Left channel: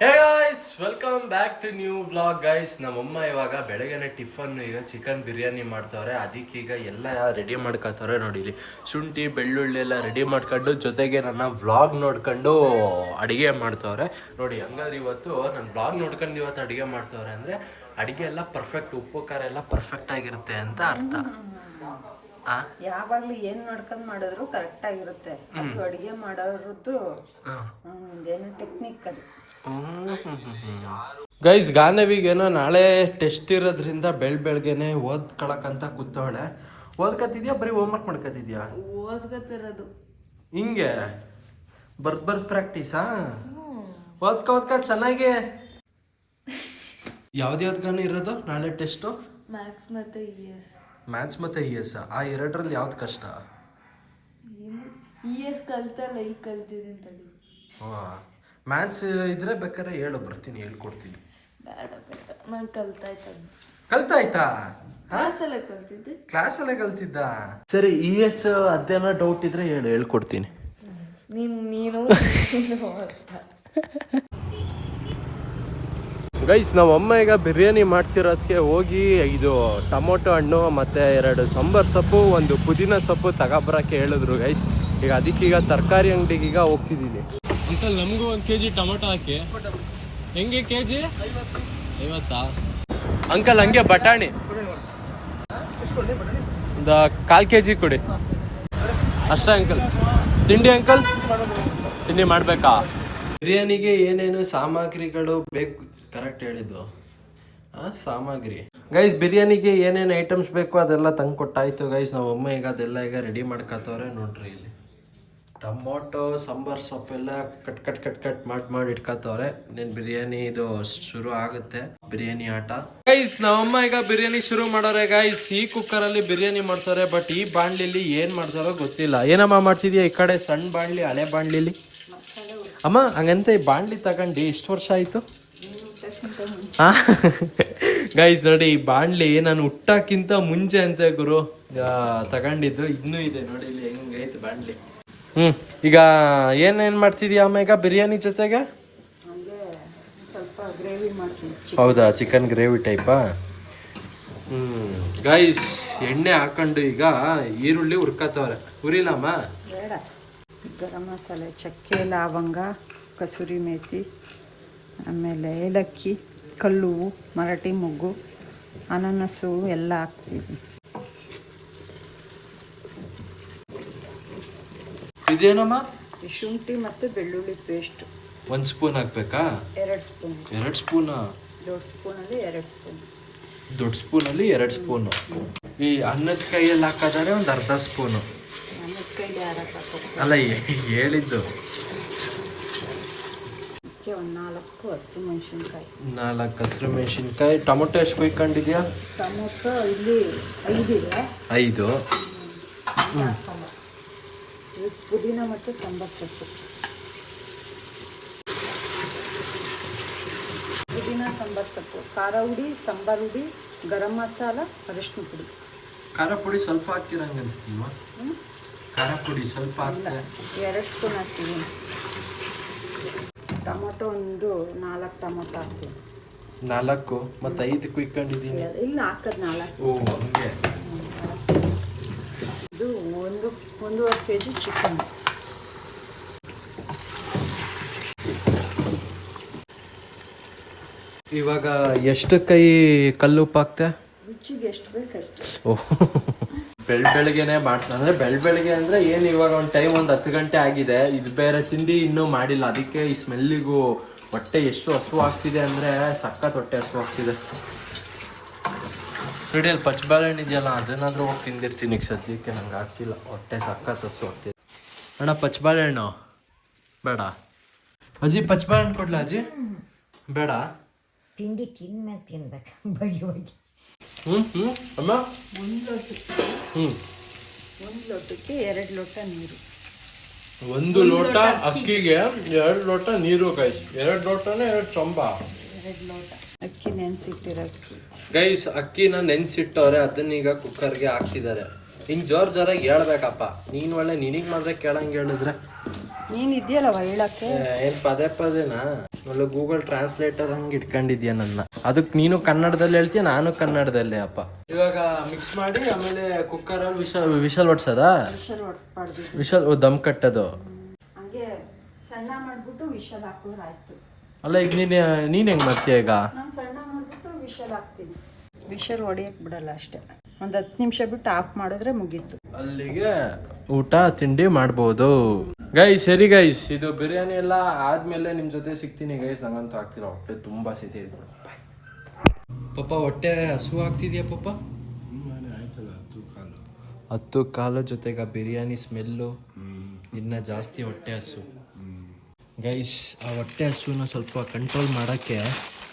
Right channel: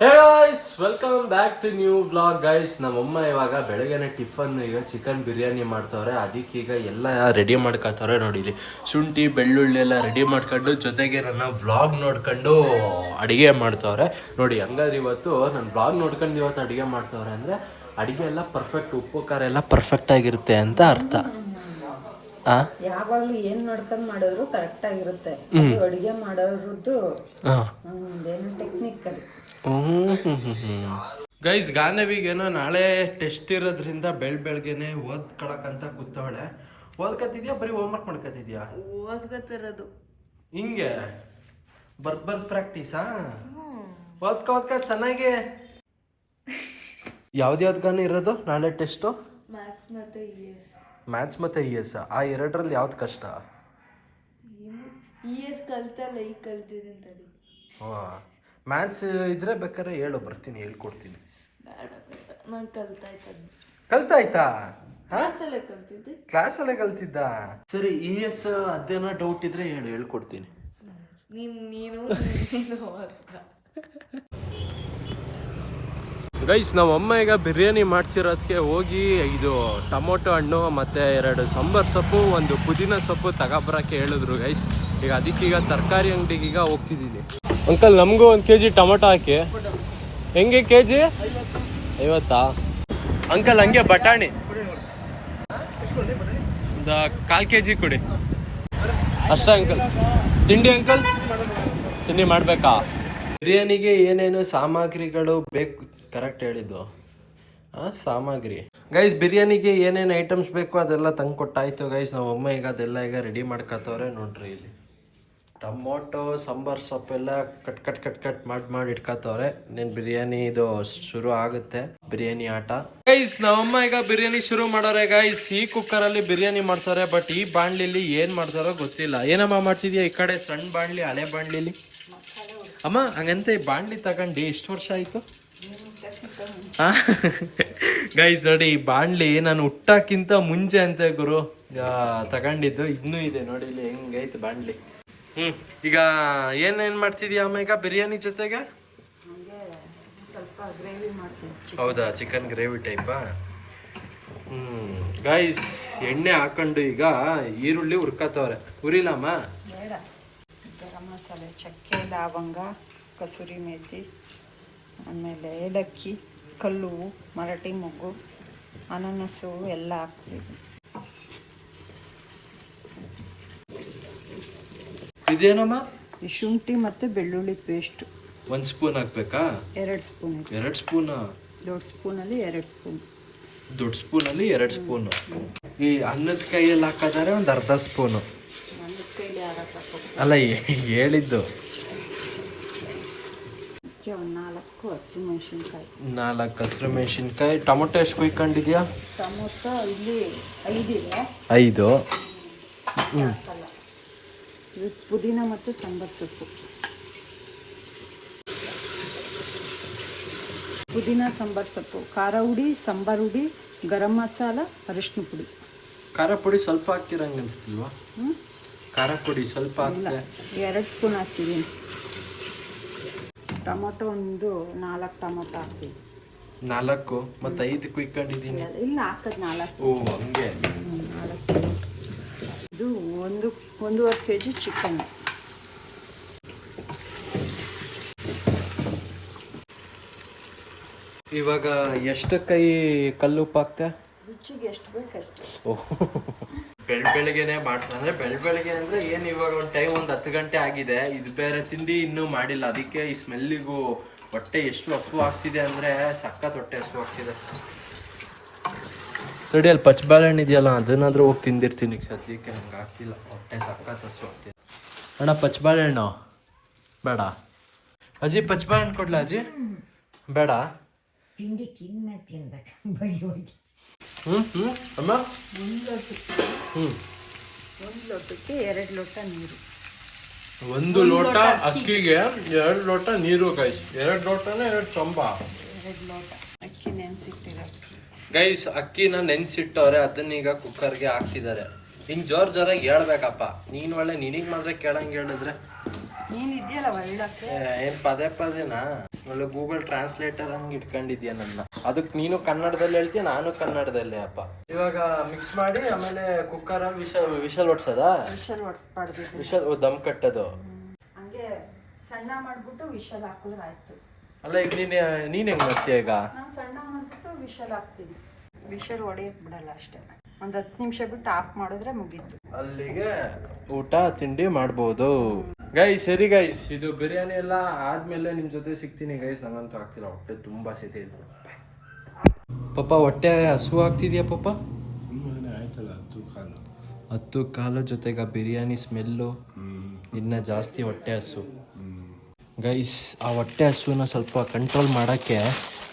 Hey guys welcome back to new blog guys ನಮ್ಮಮ್ಮ ಇವಾಗ ಬೆಳಗ್ಗೆನೆ ಟಿಫನ್ ಈಗ ಚಿಕನ್ ಬಿರಿಯಾನಿ ಮಾಡ್ತಾವ್ರೆ. ಅದಕ್ಕೆ ಈಗ ಎಲ್ಲ ರೆಡಿ ಮಾಡ್ಕೊತಾವ್ರೆ ನೋಡಿ ಇಲ್ಲಿ. ಶುಂಠಿ, ಬೆಳ್ಳುಳ್ಳಿ ಎಲ್ಲ ರೆಡಿ ಮಾಡ್ಕೊಂಡು ಜೊತೆಗೆ ನನ್ನ ವ್ಲಾಗ್ ನೋಡ್ಕೊಂಡು ಅಡುಗೆ ಮಾಡ್ತಾವ್ರೆ. ನೋಡಿ, ಹಂಗಾದ್ರೆ ಇವತ್ತು ನನ್ನ ವ್ಲಾಗ್ ನೋಡ್ಕೊಂಡು ಇವತ್ತು ಅಡುಗೆ ಮಾಡ್ತಾವ್ರೆ ಅಂದ್ರೆ ಅಡುಗೆ ಎಲ್ಲ ಪರ್ಫೆಕ್ಟ್ ಉಪ್ಪು, ಖಾರ ಎಲ್ಲ ಪರ್ಫೆಕ್ಟ್ ಆಗಿರುತ್ತೆ ಅಂತ ಅರ್ಥ. ಯಾವಾಗ್ಲೂ ಏನ್ ನೋಡ್ಕೊಂಡ್ ಮಾಡಿದ್ರು ಕರೆಕ್ಟ್ ಆಗಿರುತ್ತೆ ಅಡುಗೆ ಹಾಂ ಏನು ಟೆಕ್ನಿಕ್ ಅದು. ಗೈಸ್ ಗಾನವಿಗೇನೋ ನಾಳೆ ಟೆಸ್ಟ್ ಇರೋದ್ರಿಂದ ಬೆಳ್ ಬೆಳಗ್ಗೆನೆ ಓದ್ಕೊಳಕಂತ ಕೂತವಳೆ. ಓದ್ಕತ್ತಿದ್ಯಾ ಬರೀ ಹೋಮ್ವರ್ಕ್ ಮಾಡ್ಕತ್ತಿದ್ಯಾ? ಓದ್ಕೊತಿರೋದು ಹಿಂಗೆ? ಬರ್ತ್ ಬರ್ತ್ ಪ್ರಾಕ್ಟೀಸಾ ಓದ್ಕ ಓದ್ಕ ಚೆನ್ನಾಗಿ. ಯಾವ್ದು ಗಾನ ಇರೋದು ನಾಳೆ ಟೆಸ್ಟು ಮ್ಯಾಥ್ಸ್ ಮತ್ತೆ ಇ ಎಸ್ ಮ್ಯಾಥ್ಸ್ ಮತ್ತು ಇ ಎಸ್ ಆ? ಎರಡರಲ್ಲಿ ಯಾವ್ದು ಕಷ್ಟ? ಇ ಎಸ್ ಕಲ್ತಲ್ಲ ಈಗ ಕಲ್ತಿದ್ದೀನಿ ತಡಿ. ಹಾಂ. ಮ್ಯಾಥ್ಸ್ ಇದ್ರೆ ಬೇಕಾದ್ರೆ ಹೇಳು ಬರ್ತೀನಿ ಹೇಳ್ಕೊಡ್ತೀನಿ. ಬೇಡ ಬೇಡ. ನಾನು ಕಲ್ತಾಯ್ತು ಕಲ್ತಾಯ್ತಾ ಕ್ಲಾಸಲ್ಲೇ ಕಲ್ತಿದ್ದೆ? ಕ್ಲಾಸಲ್ಲೇ ಕಲ್ತಿದ್ದ? ಸರಿ ಇ ಎಸ್ ಅದೇನೋ ಡೌಟ್ ಇದ್ರೆ ಹೇಳು ಹೇಳ್ಕೊಡ್ತೀನಿ. ನೀನ್ ನೀನು ನೀನು ಅಂತ. ಗೈಸ್ ನಮ್ಮ ಅಮ್ಮ ಈಗ ಬಿರಿಯಾನಿ ಮಾಡ್ಸಿರೋದಕ್ಕೆ ಹೋಗಿ ಇದು ಟೊಮೊಟೊ ಹಣ್ಣು ಮತ್ತು ಎರಡು ಸಾಂಬಾರು ಸೊಪ್ಪು, ಒಂದು ಪುದೀನ ಸೊಪ್ಪು ತಗೊಬರಕ್ಕೆ ಹೇಳಿದ್ರು ಗೈಸ್ ಈಗ ಅದಕ್ಕೀಗ ತರಕಾರಿ ಅಂಗಡಿಗೆ ಈಗ ಹೋಗ್ತಿದ್ದೀನಿ ಅಂಕಲ್ ನಮಗೂ ಒಂದು ಕೆ ಜಿ ಟೊಮೊಟೊ ಹಾಕಿ. ಹೆಂಗೆ ಕೆ ಜಿ ಐವತ್ತಾ? ಅಂಕಲ್ ಹಂಗೆ ಬಟಾಣಿ. ಒಂದು ಕಾಲು ಕೆ ಜಿ ಕೊಡಿ. ಅಷ್ಟೇ ಅಂಕಲ್ ತಿಂಡಿ ಅಂಕಲ್ ತಿಂಡಿ ಮಾಡಬೇಕಾ? ಬಿರಿಯಾನಿಗೆ ಏನೇನು ಸಾಮಗ್ರಿಗಳು ಬೇಕು? ಕರೆಕ್ಟ್ ಹೇಳಿದ್ದು. ಸಾಮಗ್ರಿ. ಗೈಸ್ ಬಿರಿಯಾನಿಗೆ ಏನೇನು ಐಟಮ್ಸ್ ಬೇಕು ಅದೆಲ್ಲ ತಂದು ಕೊಟ್ಟಾಯ್ತು ಗೈಸ್ ನಮ್ಮ ಅಮ್ಮ ಈಗ ಅದೆಲ್ಲ ಈಗ ರೆಡಿ ಮಾಡ್ಕೊತವ್ರೆ ನೋಡ್ರಿ ಇಲ್ಲಿ. ಟೊಮೊಟೊ, ಸಾಂಬಾರ್ ಸೊಪ್ಪೆಲ್ಲ ಕಟ್ ಕಟ್ ಕಟ್ ಕಟ್ ಮಾಡಿ ಮಾಡಿ ಇಟ್ಕೊತವ್ರೆ. ಇನ್ನೇನು ಬಿರಿಯಾನಿ ಇದು ಶುರು ಆಗುತ್ತೆ. ಬಿರಿಯಾನಿ ಆಟ. ಗೈಸ್ ನಮ್ಮಮ್ಮ ಈಗ ಬಿರಿಯಾನಿ ಶುರು ಮಾಡೋರೆ ಗೈಸ್ ಈ ಕುಕ್ಕರಲ್ಲಿ ಬಿರಿಯಾನಿ ಮಾಡ್ತಾರೆ ಬಟ್ ಈ ಬಾಣ್ಲಿಲಿ ಏನ್ ಮಾಡ್ತಾರೋ ಗೊತ್ತಿಲ್ಲ. ಏನಮ್ಮ ಮಾಡ್ತಿದ್ಯಾ ಈ ಕಡೆ? ಸಣ್ಣ ಬಾಣ್ಲಿ, ಹಳೆ ಬಾಣ್ಲಿಲಿ? ಅಮ್ಮ, ಹಂಗಂತ ಈ ಬಾಣ್ಲಿ ತಗೊಂಡು ಎಷ್ಟು ವರ್ಷ ಆಯ್ತು? ಗೈಸ್ ನೋಡಿ ಈ ಬಾಣ್ಲಿ ನಾನು ಹುಟ್ಟಕ್ಕಿಂತ ಮುಂಚೆ ಅಂತ ಗುರು. ತಗೊಂಡಿದ್ದು ಇನ್ನೂ ಇದೆ ನೋಡಿ ಇಲ್ಲಿ ಹೆಂಗೈತೆ ಬಾಣ್ಲಿ. ಹ್ಮ್ ಈಗ ಏನೇನ್ ಮಾಡ್ತಿದ್ಯಾ ಅಮ್ಮ ಈಗ ಬಿರಿಯಾನಿ ಜೊತೆಗೆ? ಹೌದಾ ಚಿಕನ್ ಗ್ರೇವಿ ಟೈಪಾ? ಹ್ಮ್ ಗೈಸ್ ಎಣ್ಣೆ ಹಾಕೊಂಡು ಈಗ ಈರುಳ್ಳಿ ಹುರ್ಕತ್ತವ್ರೆ. ಹುರಿಲಮ್ಮ ಚಕ್ಕೆ ಲವಂಗ ಕಸೂರಿ ಮೇಥಿ ಆಮೇಲೆ ಏಲಕ್ಕಿ ಕಲ್ಲು ಮರಾಠಿ ಮೊಗ್ಗು ಅನಾನಸು ಎಲ್ಲ ಹಾಕ್ತೀವಿ. ಇದೇನಮ್ಮ? ಶುಂಠಿ ಮತ್ತು ಬೆಳ್ಳುಳ್ಳಿ ಪೇಸ್ಟ್ ಒಂದ್ ಸ್ಪೂನ್ ಹಾಕ್ಬೇಕಾ? ಎರಡು ಸ್ಪೂನ್ ಎರಡ್ ಸ್ಪೂನ್ ದೊಡ್ಡ ಸ್ಪೂನಲ್ಲಿ ಎರಡು ಸ್ಪೂನ್ ದೊಡ್ಡ ಸ್ಪೂನಲ್ಲಿ ಎರಡು ಸ್ಪೂನು ಈ ಅನ್ನದ ಕೈಯಲ್ಲಿ ಹಾಕಿದರೆ ಒಂದು ಅರ್ಧ ಸ್ಪೂನು ಅನ್ನದ ಕೈಯಲ್ಲಿ ಅಲ್ಲ ಹೇಳಿದ್ದು. ಒಂದು ನಾಲ್ಕು ಹಸಿರು ಮೆಣಸಿನ್ಕಾಯಿ. ನಾಲ್ಕು ಹಸಿರು ಮೆಣಸಿನ್ಕಾಯಿ. ಟೊಮೊಟೊ ಎಷ್ಟು ಕುಯ್ಕೊಂಡಿದ್ಯಾ ಟೊಮೊಟೊ ಇಲ್ಲಿ ಐದಿದೆ ಐದು. ಹ್ಞೂ ಇದು ಪುದೀನ ಮತ್ತು ಸಾಂಬಾರ್ ಸೊಪ್ಪು. ಪುದೀನ ಸಾಂಬಾರ್ ಸೊಪ್ಪು. ಖಾರ ಹುಡಿ ಸಾಂಬಾರ್ ಹುಡಿ ಗರಂ ಮಸಾಲ ಅರಿಶಿನ ಪುಡಿ. ಖಾರ ಪುಡಿ ಸ್ವಲ್ಪ ಹಾಕಿರಂಗೆ ಅನಿಸ್ತಿಲ್ವಾ? ಖಾರ ಪುಡಿ ಸ್ವಲ್ಪ ಹಾಕ್ತೀವಿ ಎರಡು ಸ್ಪೂನ್ ಹಾಕ್ತೀವಿ ಟೊಮೊಟೊ ಒಂದು ನಾಲ್ಕು ಟೊಮೊಟೊ ಹಾಕ್ತೀವಿ ನಾಲ್ಕು ಮತ್ತು ಐದು ಕ್ವಿಕ್ ಇಲ್ಲ ಹಾಕೋದು ನಾಲ್ಕು. ಓ ಹಂಗೆ. ಇದು ಒಂದು ಒಂದೂವರೆ ಕೆ ಜಿ ಚಿಕನ್ ಇವಾಗ ಎಷ್ಟು ಕೈ ಕಲ್ಲುಪ್ಪು ಹಾಕ್ತೆ ರುಚಿಗೆ ಎಷ್ಟು ಬೇಕಷ್ಟು ಬೆಳ್ ಬೆಳಗ್ಗೆನೆ ಮಾಡ್ತಾ ಅಂದ್ರೆ ಬೆಳ್ ಬೆಳಗ್ಗೆ ಅಂದ್ರೆ ಏನು ಇವಾಗ ಒಂದು ಟೈಮ್ ಒಂದು ಹತ್ತು ಗಂಟೆ ಆಗಿದೆ ಇದು ಬೇರೆ ತಿಂಡಿ ಇನ್ನೂ ಮಾಡಿಲ್ಲ ಅದಕ್ಕೆ ಈ ಸ್ಮೆಲ್ಲಿಗೂ ಹೊಟ್ಟೆ ಎಷ್ಟು ಹಸು ಆಗ್ತಿದೆ ಅಂದ್ರೆ ಸಖತ್ ಹೊಟ್ಟೆ ಹಸು ಆಗ್ತಿದೆ. ನೋಡಿ ಅಲ್ಲಿ ಪಚ್ಚಬಾಳೆಹಣ್ಣು ಇದೆಯಲ್ಲ ಅದನ್ನಾದ್ರೂ ತಿಂದಿರ್ತೀನಿ ಸದ್ಯಕ್ಕೆ ನಂಗೆ ಆಗ್ತಿಲ್ಲ ಹೊಟ್ಟೆ ಸಖತ್ ಹಸು ಆಗ್ತಿದೆ. ಅಣ್ಣ ಪಚ್ಚಬಾಳೆಹಣ್ಣು ಬೇಡ. ಅಜ್ಜಿ ಪಚ್ಚಬಾಳೆಹಣ್ಣು ಕೊಡ್ಲಾ ಅಜ್ಜಿ? ಬೇಡ. ತಿಂಡಿ ತಿನ್ನ ತಿನ್ಬೇಕು. ಬಗೆ ಬಗೆ ಹ್ಞೂ ಹ್ಞೂ ಅಮ್ಮ? ಒಂದು ಲೋಟಕ್ಕೆ. ಹ್ಞೂ ಒಂದು ಲೋಟಕ್ಕೆ ಎರಡು ಲೋಟ ನೀರು. ಒಂದು ಲೋಟ ಅಕ್ಕಿಗೆ ಎರಡು ಲೋಟ ನೀರು ಗೈಸ್ ಎರಡು ಲೋಟನೇ ಎರಡು ಚೊಂಬ. ಎರಡು ಲೋಟ. ಅಕ್ಕಿ ನೆನೆಸಿಟ್ಟಿರೋದು ಗೈಸ್ ಅಕ್ಕಿನ ನೆನ್ಸಿಟ್ಟವ್ರೆ ಅದನ್ನೀಗ ಕುಕ್ಕರ್ಗೆ ಹಾಕ್ತಿದ್ದಾರೆ. ಹಿಂಗ್ ಜೋರ್ ಜೋರಾಗಿ ಹೇಳ್ಬೇಕಪ್ಪ. ನೀನ್ ಒಳ್ಳೆ ನಿನಗ್ ಮಾತ್ರ ಕೇಳಂಗ್ ಹೇಳಿದ್ರೆ. ನೀನು ಇದೆಯಲ್ಲ ಒಳ್ಳಕ್ಕೆ ಏನು ಪದೇ ಪದೇನಾ? ಒಳ್ಳೆ ಗೂಗಲ್ ಟ್ರಾನ್ಸ್ಲೇಟರ್ ಹಂಗೆ ಇಟ್ಕೊಂಡಿದ್ಯಾ ನನ್ನ? ಅದಕ್ಕೆ ನೀನು ಕನ್ನಡದಲ್ಲಿ ಹೇಳ್ತೀಯ ನಾನು ಕನ್ನಡದಲ್ಲಿ ಅಪ್ಪ. ಇವಾಗ ಮಿಕ್ಸ್ ಮಾಡಿ ಆಮೇಲೆ ಕುಕ್ಕರ್ ವಿಶಲ್ ವಿಶಲ್ ಹೊಡ್ಸದ ವಿಷಲ್ ಹೊಡ್ಸ್ಬಾರ್ದು ಇದು. ವಿಶಲ್ ದಮ್ ಕಟ್ಟೋದು. ಹಂಗೆ ಸಣ್ಣ ಮಾಡ್ಬಿಟ್ಟು ವಿಷಲ್ ಹಾಕಿದ್ರೆ ಆಯ್ತು ಅಲ್ಲ ಈಗ ನೀನ್ ನೀನ್ ಹೆಂಗ್ ಮಾಡ್ತೀಯ ಈಗ? ನಾನು ಸಣ್ಣ ಮಾಡ್ಬಿಟ್ಟು ವಿಷಲ್ ಹಾಕ್ತೀನಿ. ವಿಶಲ್ ಹೊಡೆಯಕ್ಕೆ ಬಿಡಲ್ಲ ಅಷ್ಟೇ. ಒಂದು ಹತ್ತು ನಿಮಿಷ ಬಿಟ್ಟು ಆಫ್ ಮಾಡಿದ್ರೆ ಮುಗೀತು. ಅಲ್ಲಿಗೆ ಊಟ ತಿಂಡಿ ಮಾಡ್ಬೋದು. ಗೈಸ್ ಸರಿ ಗೈಸ್ ಇದು ಬಿರಿಯಾನಿ ಎಲ್ಲ ಆದ್ಮೇಲೆ ನಿಮ್ಮ ಜೊತೆ ಸಿಗ್ತೀನಿ ಗೈಸ್ ನಂಗಂತೂ ಆಗ್ತಿಲ್ಲ ಹೊಟ್ಟೆ ತುಂಬಾ ಸಿತಿ ಪಪ್ಪ ಹೊಟ್ಟೆ ಹಸು ಆಗ್ತಿದ್ಯಾ ಪಪ್ಪ? ಹತ್ತು ಕಾಲು. ಜೊತೆಗೆ ಆ ಬಿರಿಯಾನಿ ಸ್ಮೆಲ್ಲು ಇನ್ನ ಜಾಸ್ತಿ ಹೊಟ್ಟೆ ಹಸು. ಗೈಸ್ ಆ ಹೊಟ್ಟೆ ಹಸುನ ಸ್ವಲ್ಪ ಕಂಟ್ರೋಲ್ ಮಾಡಕ್ಕೆ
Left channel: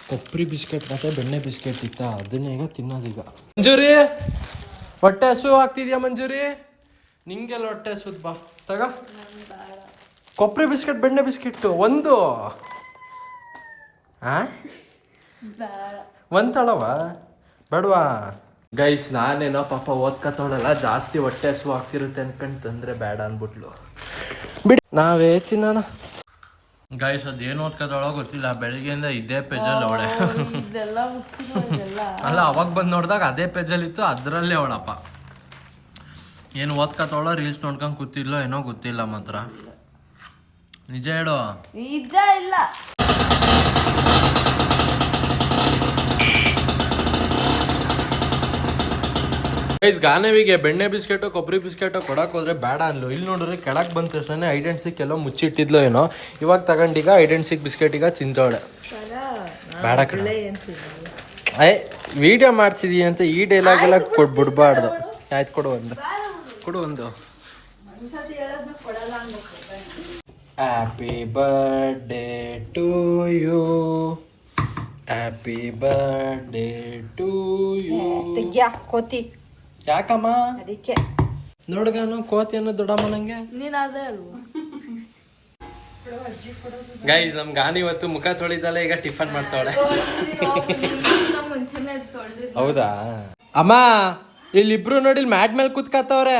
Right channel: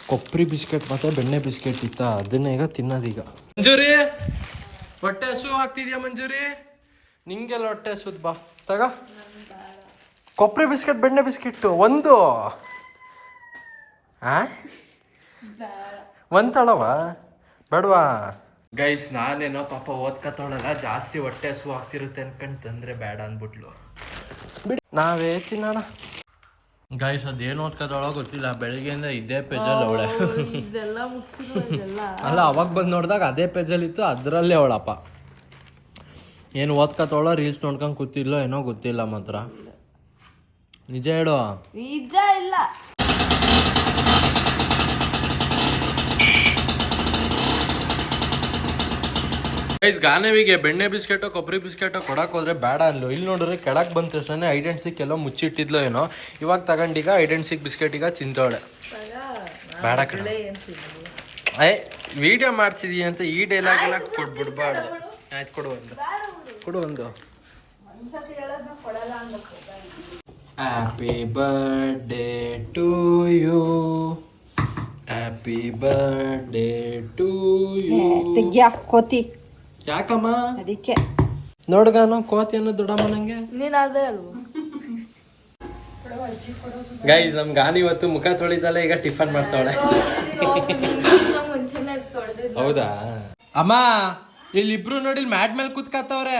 ಕೊಬ್ಬರಿ ಬಿಸ್ಕೆಟ್ ಮತ್ತೆ ಬೆಣ್ಣೆ ಬಿಸ್ಕೆಟ್ ಇತ್ತ ಅದನ್ನ ಈಗ ತಿನ್ನೋದೀಗ ಮಂಜೂರಿ ಹೊಟ್ಟೆ ಹಸು ಆಗ್ತಿದ್ಯಾ ಮಂಜೂರಿ? ನಿಂಗೆಲ್ಲ ಹೊಟ್ಟೆ ಹಸುದ್ ಬಾ ತಗ. ಕೊಬ್ಬರಿ ಬಿಸ್ಕೆಟ್ ಬೆಣ್ಣೆ ಬಿಸ್ಕೆಟ್ ಒಂದು. ಆ? ಒಂದ್ ತಳವ? ಬೇಡವಾ? ಗೈಸ್ ನಾನೇನೋ ಪಾಪ ಓದ್ಕತ್ತವಳಲ್ಲ ಜಾಸ್ತಿ ಹೊಟ್ಟೆ ಹಸು ಆಗ್ತಿರುತ್ತೆ ಅನ್ಕಂಡು ತಂದ್ರೆ ಬೇಡ ಅಂದ್ಬಿಟ್ಲು. ಬಿಡಿ ನಾವೇ ತಿನ್ನೋಣ. ಗೈಸ್ ಅದೇನು ಓದ್ಕತ್ತವಳ ಗೊತ್ತಿಲ್ಲ ಬೆಳಿಗ್ಗೆಯಿಂದ ಇದೇ ಪೇಜಲ್ಲಿ ಅವಳೆ. ಅಲ್ಲ ಅವಾಗ ಬಂದು ನೋಡಿದಾಗ ಅದೇ ಪೇಜಲ್ಲಿ ಇತ್ತು ಅದರಲ್ಲೇ ಅವಳಪ್ಪ. ಏನು ಓದ್ಕತ್ತವಳ ರೀಲ್ಸ್ ನೋಡ್ಕೊಂಡು ಕೂತಿಲ್ಲೋ ಏನೋ ಗೊತ್ತಿಲ್ಲ ಮಾತ್ರ. ನಿಜ ಹೇಳು. ನಿಜ ಇಲ್ಲ. ಗೈಸ್ ಗಾನವಿಗೆ ಬೆಣ್ಣೆ ಬಿಸ್ಕೆಟು ಕೊಬ್ಬರಿ ಬಿಸ್ಕೆಟು ಕೊಡಕ್ ಹೋದ್ರೆ ಬೇಡ ಅನ್ಲು ಇಲ್ಲಿ ನೋಡಿದ್ರೆ ಕೆಳಕ್ ಬಂದ ತಕ್ಷಣ ಐಡೆನ್ಸಿಕ್ ಎಲ್ಲ ಮುಚ್ಚಿಟ್ಟಿದ್ಲು ಏನೋ. ಇವಾಗ ತಗೊಂಡೀಗ ಐಡೆನ್ಸಿಕ್ ಬಿಸ್ಕೆಟ್ ಈಗ ತಿಂತವಳೆ ಬೇಡ ಕಡೆ ಏ ವಿಡಿಯೋ ಮಾಡ್ತಿದೀನಿ ಅಂತ ಈ ಡೈಲಾಗ್ ಎಲ್ಲ ಕೊಡ್ಬಿಡ್ಬಾರ್ದು ಆಯ್ತು ಕೊಡು ಒಂದು. ಕೊಡು ಒಂದು. Happy birthday to you happy birthday to you ಕೋತಿ? ಯಾಕಮ್ಮ? ಅದಕ್ಕೆ. ನೋಡ್ಗಾನು ಕೋತಿ ಅನ್ನೋ ದೊಡ್ಡಮ್ಮ ನಂಗೆ? ನೀನು ಅದೇ ಅಲ್ವಾ? ಗೈಸ್ ನಮ್ ಗಾನಿ ಇವತ್ತು ಮುಖ ತೊಳಿದಲ್ಲ ಈಗ ಟಿಫನ್ ಮಾಡ್ತಾವಳೆ. ಹೌದಾ? ಅಮ್ಮ ಇಲ್ಲಿಬ್ರು ನೋಡಿ ಮ್ಯಾಟ್ ಮೇಲೆ ಕೂತ್ಕತ್ತವ್ರೆ.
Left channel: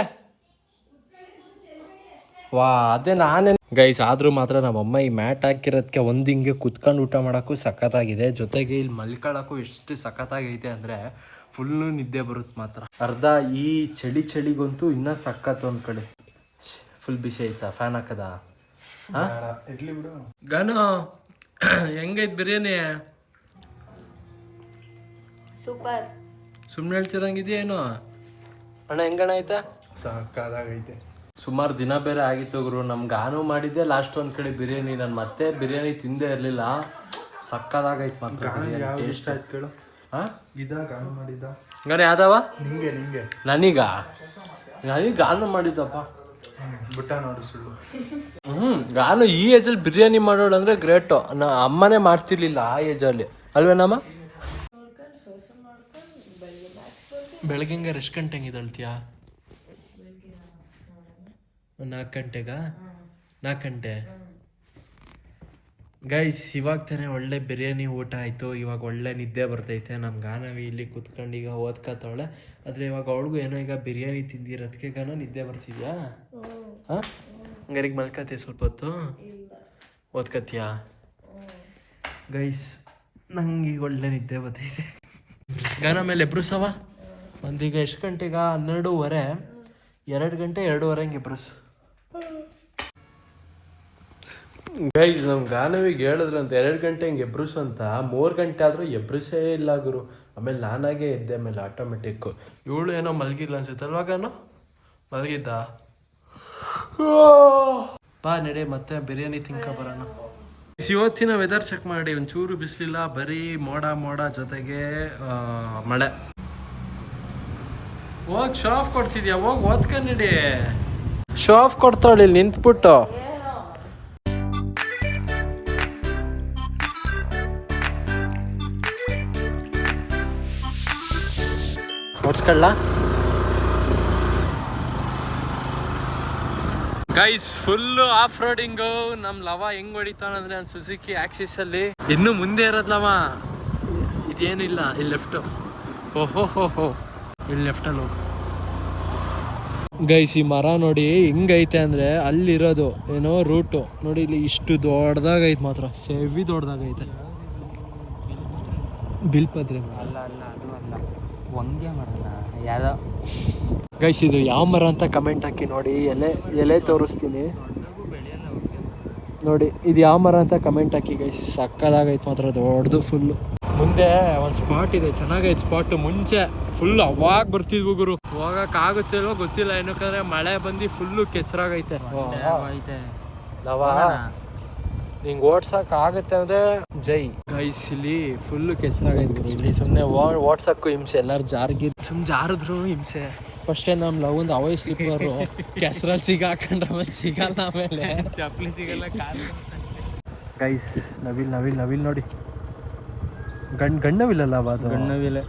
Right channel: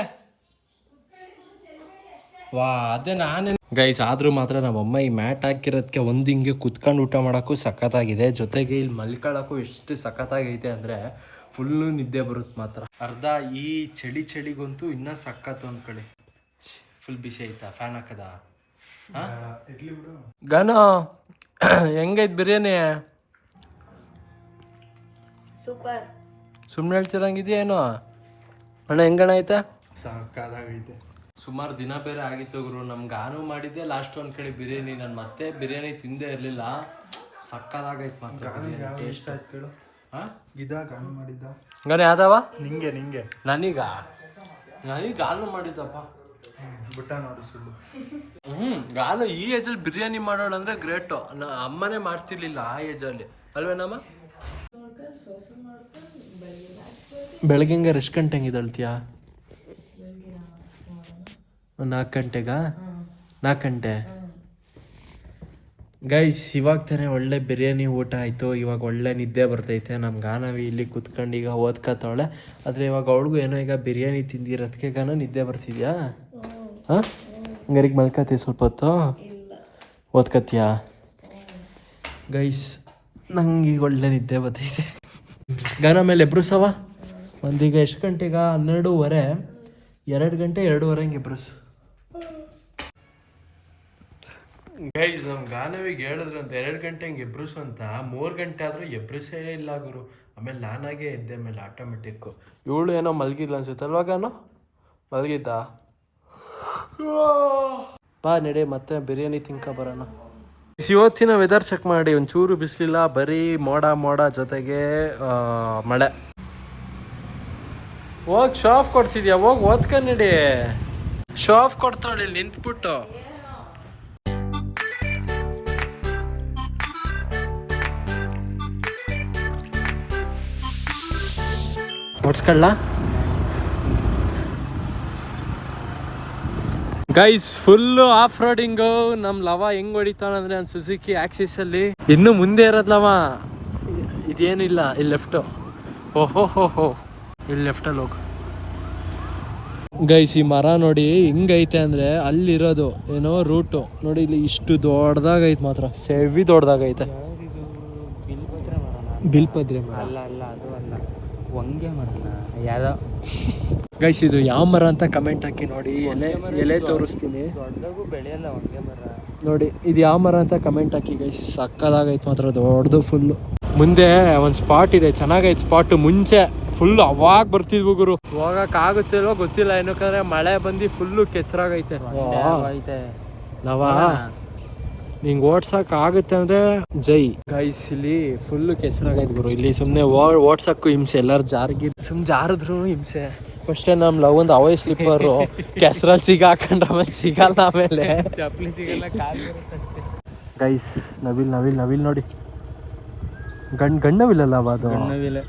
ವಾ ಅದೇ ನಾನೇ ಗೈಸ್ ಆದ್ರೂ ಮಾತ್ರ ನಮ್ಮಮ್ಮ ಈ ಮ್ಯಾಟ್ ಹಾಕಿರೋದಕ್ಕೆ ಒಂದು ಹಿಂಗೆ ಕುತ್ಕೊಂಡು ಊಟ ಮಾಡೋಕ್ಕೂ ಸಖತ್ತಾಗಿದೆ. ಜೊತೆಗೆ ಇಲ್ಲಿ ಮಲ್ಕೊಳ್ಳೋಕ್ಕೂ ಎಷ್ಟು ಸಖತ್ತಾಗೈತೆ ಅಂದ್ರೆ ಫುಲ್ಲು ನಿದ್ದೆ ಬರುತ್ತೆ ಮಾತ್ರ. ಅರ್ಧ ಈ ಚಳಿ ಚಳಿಗಂತೂ ಇನ್ನ ಸಖತ್ ಒಂದು ಕಡೆ. ಫುಲ್ ಬಿಸಿ ಆಯ್ತಾ? ಫ್ಯಾನ್ ಹಾಕದ? ಗನು ಹೆಂಗೈತೆ ಬಿರಿಯಾನಿ? ಸೂಪರ್. ಸುಮ್ಮನೆ ಹೇಳ್ತಿರಂಗಿದೆಯೇನು ಅಣ್ಣ ಹೆಂಗಣ ಐತೆ? ಸಾಕಾಗೈತೆ ಸುಮಾರು ದಿನ ಬೇರೆ ಆಗಿತ್ತು ಗುರು. ನಮ್ಗೆ ಆನು ಮಾಡಿದ್ದೆ ಲಾಸ್ಟ್ ಒಂದು ಕಡೆ ಬಿರಿಯಾನಿ. ನಾನು ಮತ್ತೆ ಬಿರಿಯಾನಿ ತಿಂದೇ ಇರಲಿಲ್ಲ. ಸಕ್ಕದಾಗೈತೆ ಮಾತ್ರ ಬಿರಿಯಾನಿ ಟೇಸ್ಟ್ ಕೇಳು. ಹಾಂ ಇದಾಗ ಆನ್ ಮಾಡಿದ್ದ ನಾನು ಯಾವ್ದವ? ನಿಂಗೆ ನಿಂಗೆ. ನನೀಗ? ನನಗೆ ಗಾನು ಮಾಡಿದ್ದಪ್ಪ. ಹ್ಞೂ ನಾನು ಗಾನು ಈ ಏಜಲ್ಲಿ ಬಿರಿಯಾನಿ ಮಾಡೋಳಂದ್ರೆ ಗ್ರೇಟು ನಾ ಅಮ್ಮನೇ ಮಾಡ್ತಿರ್ಲಿಲ್ಲ ಆ ಏಜಲ್ಲಿ ಅಲ್ವೇನಮ್ಮ? ಬೆಳಗ್ಗೆ ಹಂಗಾರೆ ಎಷ್ಟು ಗಂಟೆ ಹಂಗಿದಳ್ತೀಯಾ ನಾಲ್ಕು ಗಂಟೆಗಾ? ನಾಲ್ಕು ಗಂಟೆ? ಗೈಸ್ ಇವಾಗ ತಾನೇ ಒಳ್ಳೆ ಬಿರಿಯಾನಿ ಊಟ ಆಯಿತು. ಇವಾಗ ಒಳ್ಳೆ ನಿದ್ದೆ ಬರ್ತೈತೆ. ನಮ್ಮ ಗಾನವಿ ಇಲ್ಲಿ ಕುತ್ಕೊಂಡು ಈಗ ಓದ್ಕತ್ತವಳೆ. ಆದರೆ ಇವಾಗ ಅವಳಿಗೂ ಏನೋ ಈಗ ಬಿರಿಯಾನಿ ತಿಂದಿರೋದಕ್ಕೆ ಗಾನ ನಿದ್ದೆ ಬರ್ತಿದ್ಯಾ? ಹಾಂ? ಹಂಗಾರಿಗೆ ಮಲ್ಕತಿ ಸ್ವಲ್ಪ ಹೊತ್ತು? ಓದ್ಕತ್ತೀಯಾ? ಗೈಸ್ ನಂಗೆ ಈಗ ಒಳ್ಳೆ ನಿದ್ದೆ ಬರ್ತೈತೆ. ಗಾನ ಮೇಲೆ ಎಬ್ರುಸವ ಒಂದೀಗ ಎಷ್ಟು ಗಂಟೆಗ? ಹನ್ನೆರಡೂವರೆ. ಎರಡು ಗಂಟೆ ಎರಡೂವರೆ ಹಂಗೆ ಎಬ್ರುಸು. ಗೈಸ್ ನಮ್ಮ ಗಾನವಿಗೆ ಹೇಳಿದ್ರು ಅಂತ ಎರಡು ಗಂಟೆ ಹಿಂಗೆ ಎಬ್ರುಸು ಅಂತ, ಮೂರು ಗಂಟೆ ಆದರೂ ಎಬ್ರುಸೇ ಇಲ್ಲ ಗುರು. ಆಮೇಲೆ ನಾನಾಗೇ ಇದ್ದೆ ಆಮೇಲೆ ಆಟೋಮೆಟಿಕ್ಕು ಇವಳು ಏನೋ ಮಲಗಿಲ್ಲ ಅನ್ಸುತ್ತೆ ಅಲ್ವಾ ಗಾನು? ಮಲಗಿದ್ದ? ಬಾ ನಡೆ, ಮತ್ತೆ ಬಿರಿಯಾನಿ ತಿನ್ಕ ಬರೋಣ. ಇವತ್ತಿನ ವೆದರ್ ಚೆಕ್ ಮಾಡಿ, ಒಂಚೂರು ಬಿಸಿಲಿಲ್ಲ, ಬರೀ ಮೋಡ ಮೋಡ ಜೊತೆಗೆ ಮಳೆ. ಹೋಗಿ ಶಾಫ್ ಕೊಡ್ತಿದ್ಯಾ? ಹೋಗ್ ಓದ್ಕ ಶಾಫ್ ಕೊಡ್ತಾಳೆ, ಇಲ್ಲಿ ನಿಂತ್ಬಿಟ್ಟು. ಹೊಡ್ಸ್ಕೊಳ್ಳ ಗೈಸ್ ಫುಲ್ ಆಫ್ ರೋಡಿಂಗು ನಮ್ ಲವ ಹೆಂಗ್ ಹೊಡಿತಾನಂದ್ರೆ ಸುಜುಕಿ ಆಕ್ಸಿಸ್ ಅಲ್ಲಿ. ಇನ್ನು ಮುಂದೆ ಇರೋದ್ಲವ ಇದೇನಿಲ್ಲ ಇಲ್ಲಿ ಲೆಫ್ಟ್ ಓಹೋ ಹೋ ಹೋ ಇಲ್ಲಿ ಲೆಫ್ಟಲ್ಲಿ ಹೋಗು. ಗೈಸ್ ಈ ಮರ ನೋಡಿ ಹೆಂಗೈತೆ ಅಂದ್ರೆ ಅಲ್ಲಿರೋದು ಏನೋ ರೂಟು ನೋಡಿ ಇಲ್ಲಿ ಇಷ್ಟು ದೊಡ್ಡದಾಗೈತೆ ಮಾತ್ರ. ಸೆವಿ ದೊಡ್ಡದಾಗೈತೆ. ಬಿಲ್ಪದ್ರೆ ಮರ ಅಲ್ಲ ಅಲ್ಲ ಅದು ಅಲ್ಲ ವಂಗೆ ಮರನ? ಯಾವ್ದೋ? ಗೈಸ್ ಇದು ಯಾವ ಮರ ಅಂತ ಕಮೆಂಟ್ ಹಾಕಿ ನೋಡಿ. ಎಲೆ ಎಲೆ ತೋರಿಸ್ತೀನಿ. ನೋಡಿ ಇದು ಯಾವ ಮರ ಅಂತ ಕಮೆಂಟ್ ಹಾಕಿ ಗೈಸ್ ಸಕ್ಕದಾಗೈತೆ ಮಾತ್ರ ದೊಡ್ಡದು ಫುಲ್ಲು ಮುಂದೆ ಒಂದು ಸ್ಪಾಟ್ ಇದೆ. ಚೆನ್ನಾಗೈತೆ ಸ್ಪಾಟ್ ಮುಂಚೆ ಫುಲ್ ಅವಾಗ ಬರ್ತಿದ್ವು ಗುರು. ಹೋಗಕ್ ಆಗುತ್ತಿಲ್ವೋ ಗೊತ್ತಿಲ್ಲ. ಏನಕ್ಕಂದ್ರೆ ಮಳೆ ಬಂದು ಫುಲ್ಲು ಕೆಸರಾಗೈತೆ. ಹಿಂಗ್ ಓಡ್ಸಕ್ ಆಗುತ್ತೆ ಅಂದ್ರೆ ಜೈ. ಗೈಸ್ ಇಲ್ಲಿ ಫುಲ್ ಕೆಸರಾಗೈತೆ ಗುರು ಇಲ್ಲಿ ಸುಮ್ನೆ ಓಡ್ಸೋಕ್ಕೂ ಹಿಂಸೆ ಎಲ್ಲಾರು ಜಾರಿಗೆ ಸುಮ್ ಜಾರಿದ್ರು ಹಿಂಸೆ. ಫಸ್ಟ್ ನಮ್ ಲವ್ ಒಂದು ಅವೈ ಸ್ಲಿಪ್ಪರ್ ಕೆಸರಲ್ಲಿ ಸಿಗಾಕೊಂಡ್ರೆ ಆಮೇಲೆ ಸಿಗಲ್ಲ ಆಮೇಲೆ. ಚಪ್ಪಲಿ ಸಿಗಲ್ಲ ಗೈಸ್ ನವಿಲ್ ನವಿಲ್ ನವಿಲ್ ನೋಡಿ. ಗಂಡ್ ಗಣ್ಣವಿಲ್ಲಲ್ಲ ಅದು? ಗಣ್ಣವಿಲ್ಲ.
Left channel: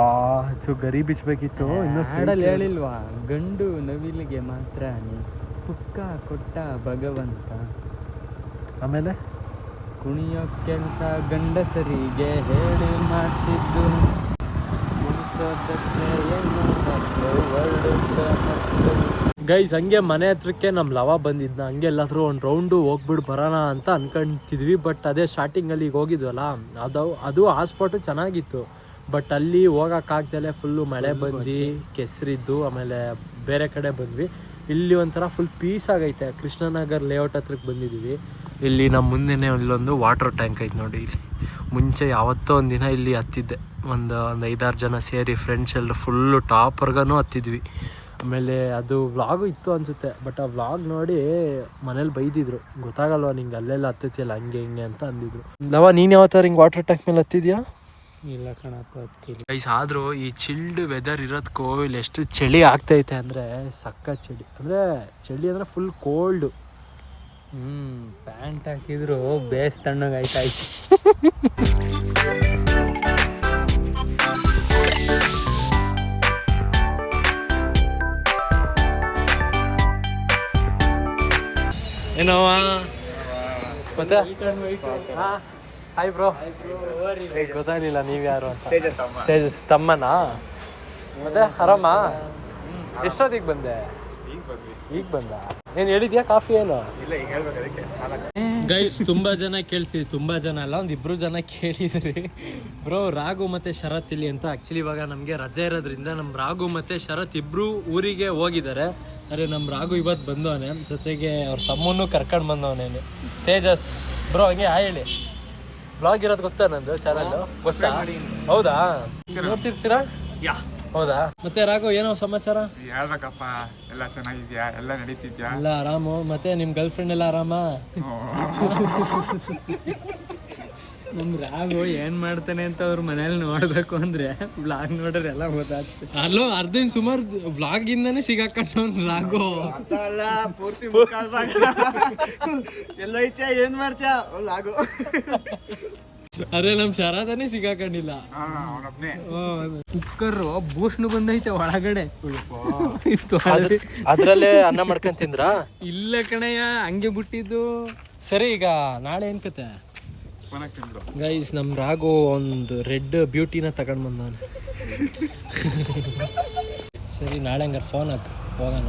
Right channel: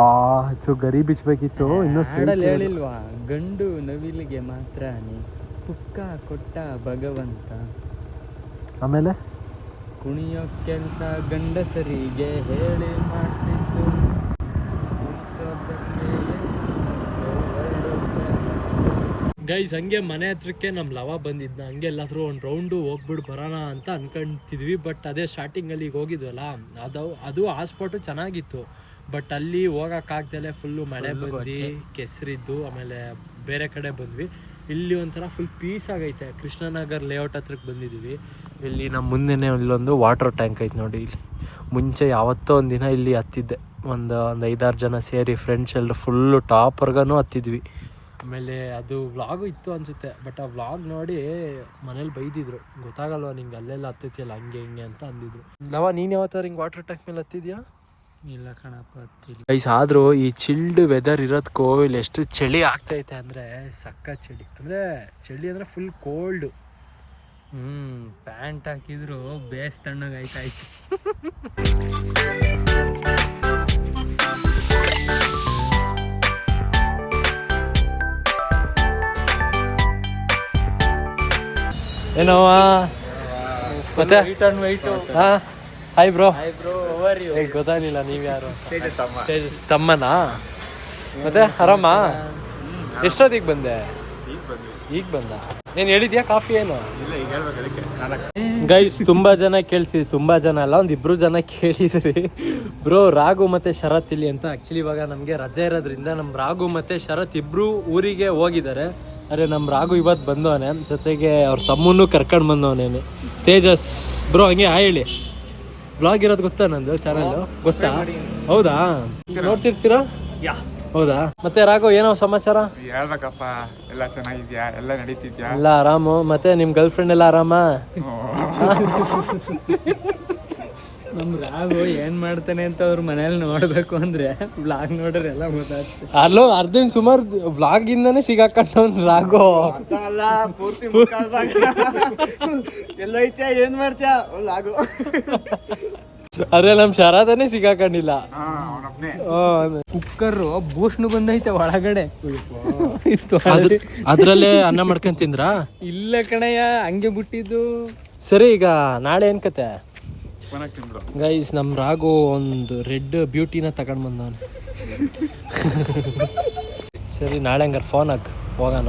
ಆ ಹೆಚ್ಚು ಗರಿ ಬಿಚ್ಬೇಕಿತ್ತು. ಇನ್ನೂ ಸೈಡಲ್ಲಿ ಹೇಳಿಲ್ವಾ? ಗಂಡು ನವಿಲಿಗೆ ಮಾತ್ರ ಪುಕ್ಕ ಕೊಟ್ಟ ಭಗವಂತ. ಆಮೇಲೆ? ಕುಣಿಯೋ ಕೆಲಸ ಗಂಡಸರಿಗೆ ಹೇಳಿ ಮಾಡಿಸಿದ್ದು. ಗೈಸ್ ಹಂಗೆ ಮನೆ ಹತ್ರಕ್ಕೆ ನಮ್ಮ ಲವ ಬಂದಿದ್ನ. ಹಂಗೆ ಎಲ್ಲಾದರೂ ಒಂದು ರೌಂಡು ಹೋಗ್ಬಿಟ್ಟು ಬರೋಣ ಅಂತ ಅನ್ಕೊಂತಿದ್ವಿ. ಬಟ್ ಅದೇ ಸ್ಟಾರ್ಟಿಂಗಲ್ಲಿ ಈಗ ಹೋಗಿದ್ವಲ್ಲ ಅದು ಅದು ಆ ಸ್ಪಾಟು ಚೆನ್ನಾಗಿತ್ತು. ಬಟ್ ಅಲ್ಲಿ ಹೋಗೋಕ್ಕಾಗ್ದಲೆ ಫುಲ್ಲು ಮಳೆ ಬಂದು ಕೆಸರಿದ್ದು ಆಮೇಲೆ ಬೇರೆ ಕಡೆ ಬಂದ್ವಿ. ಇಲ್ಲಿ ಒಂಥರ ಫುಲ್ ಪೀಸ್ ಆಗೈತೆ. ಕೃಷ್ಣನಗರ್ ಲೇಔಟ್ ಹತ್ರಕ್ಕೆ ಬಂದಿದ್ದೀವಿ ಇಲ್ಲಿ ನಮ್ಮ ಮುಂದೆನೇ ಇಲ್ಲೊಂದು ವಾಟರ್ ಟ್ಯಾಂಕ್ ಐತೆ ನೋಡಿ ಇಲ್ಲಿ. ಮುಂಚೆ ಯಾವತ್ತೋ ಒಂದು ದಿನ ಇಲ್ಲಿ ಹತ್ತಿದ್ದೆ. ಒಂದು ಒಂದು ಐದಾರು ಜನ ಸೇರಿ ಫ್ರೆಂಡ್ಸ್ ಎಲ್ಲರೂ ಫುಲ್ಲು ಟಾಪರ್ಗೂ ಹತ್ತಿದ್ವಿ. ಆಮೇಲೆ ಅದು ವ್ಲಾಗು ಇತ್ತು ಅನಿಸುತ್ತೆ. ಬಟ್ ಆ ವ್ಲಾಗ್ ನೋಡಿ ಮನೇಲಿ ಬೈದಿದ್ರು. ಗೊತ್ತಾಗಲ್ವಾ ನಿಂಗೆ ಅಲ್ಲೆಲ್ಲ ಹತ್ತೈತಿಯಲ್ಲ ಹಂಗೆ ಹಿಂಗೆ ಅಂತ ಅಂದಿದ್ರು. ಲವ ನೀನು ಯಾವತ್ತಾರ ಹಿಂಗೆ ವಾಟರ್ ಟ್ಯಾಂಕ್ ಮೇಲೆ ಹತ್ತಿದ್ಯಾ? ಇಲ್ಲ ಕಣಪ್ಪ ಹತ್ತಿಲ್ಲ. ಗೈಸ್ ಆದರೂ ಈ ಚಿಲ್ಡ್ ವೆದರ್ ಇರೋದು ಕೋವಿಲ್ ಎಷ್ಟು ಚಳಿ ಆಗ್ತೈತೆ ಅಂದರೆ ಸಕ್ಕ ಚಳಿ. ಅಂದರೆ ಚಳಿ ಅಂದರೆ ಫುಲ್ ಕೋಲ್ಡು ಹ್ಮ್ ಪ್ಯಾಂಟ್ ಹಾಕಿದ್ರು ಬೇಸ್ ತಣ್ಣಗೆ ಆಯ್ತಾಯ್ತು. ಏನವ ಮತ್ತೆ? ಹಾ? ಹಾಯ್ ಬ್ರೋ ಗೊತ್ತಾಗಲಿಲ್ಲ ನೀವು ಯಾರು ತೇಜಸ್ ತಮ್ಮನಾ? ಮತ್ತೆ ಆರಾಮ. ಎಷ್ಟೊತ್ತಿಗೆ ಬಂದೆ? ಈಗ ಬಂದ? ಏನು ಹೇಳಿದ್ಯಾ ಕಾಫಿ ಏನು? ಗೈಸ್ ತುಂಬಾ ಜನ ಕೇಳ್ತಿದ್ರಿ ತುಂಬಾ ಜನ ಅಲ್ಲ ಒಂದ್ ಇಬ್ರು ಜನ ಕೇಳಿದ್ರಿ. ಬ್ರೋ ರಾಘು ಮತ್ತೆ ಶರತ್ ಇಲ್ಲಿ ಅಂತ ಆಕ್ಚುಲಿ ಇವಾಗ ನಮ್ಗೆ ರಜೆ ಇರೋದ್ರಿಂದ ನಮ್ ರಾಘು ಮತ್ತೆ ಶರತ್ ಇಬ್ರು ಊರಿಗೆ ಹೋಗಿದ್ದಾರೆ. ಅರೆ ನಮ್ ರಾಘು ಇವತ್ತು ಬಂದವನೆ ಜೊತೆಗೆ ಅವ್ರ ತಮ್ಮನ್ನು ಕರ್ಕೊಂಡ್ ಬಂದವನೇನು ತೇಜಸ್. ಬ್ರೋ ಹಂಗೆ ಹೇಳಿ. ಬ್ಲಾಗ್ ಇರೋದು ಗೊತ್ತಾ ನಂದು ಚಾನಲ್ ಹೌದಾ? ನೋಡ್ತಿರ್ತೀರಾ? ಹೌದಾ? ಮತ್ತೆ ರಾಘು ಏನೋ ಸಮಾಚಾರ? ಹೇಳ್ಬೇಕಪ್ಪ ಎಲ್ಲ ಚೆನ್ನಾಗಿದ್ಯಾ? ಎಲ್ಲ ನಡೀತಿದ್ಯಾ? ಎಲ್ಲ ಆರಾಮು. ಮತ್ತೆ ನಿಮ್ ಗರ್ಲ್ ಫ್ರೆಂಡ್ ಎಲ್ಲ ಆರಾಮ? ನಮ್ ರಾಘು ಏನ್ ಮಾಡ್ತಾನೆ ಅಂತ ಅವ್ರ ಮನೇಲಿ ನೋಡ್ಬೇಕು ಅಂದ್ರೆ ಬ್ಲಾಗ್ ನೋಡ್ರೆ ಎಲ್ಲ ಗೊತ್ತಾಗ್ತದೆ. ಅಲ್ಲೋ ಅರ್ಧನ್ ಸುಮಾರು ವ್ಲಾಗ್ ಇಂದಾನೆ ಸಿಗಾಕೊಂಡವ್ನು ರಾಘು. ಅಲ್ಲ ಪೂರ್ತಿ ಮುಖ ಭಾಗ ಎಲ್ಲೈತ್ಯಾ ಏನ್ ಮಾಡ್ತ್ಯಾ? ಲಾಗು ಅರೆ ನಮ್ ಶರಾದನೆ ಸಿಗಾಕಂಡಿಲ್ಲ ಕುಕ್ಕರ್ ಭೂಷಣ ಬಂದೈತೆ ಒಳಗಡೆ. ಅದ್ರಲ್ಲೇ ಅನ್ನ ಮಾಡ್ಕೊಂಡ್ ತಿಂದ್ರ? ಇಲ್ಲ ಕಣಯ್ಯ ಹಂಗೆ ಬಿಟ್ಟಿದ್ದು. ಸರಿ ಈಗ ನಾಳೆ ಏನ್ ಕತೆ? ಗೈಸ್ ನಮ್ ರಾಘು ಒಂದು ರೆಡ್ ಬ್ಯೂಟಿನ ತಗೊಂಡ್ ಬಂದವನು. ಸರಿ ನಾಳೆ ಹಂಗಾರ ಫೋನ್ ಹಾಕ್ ಹೋಗೋಣ.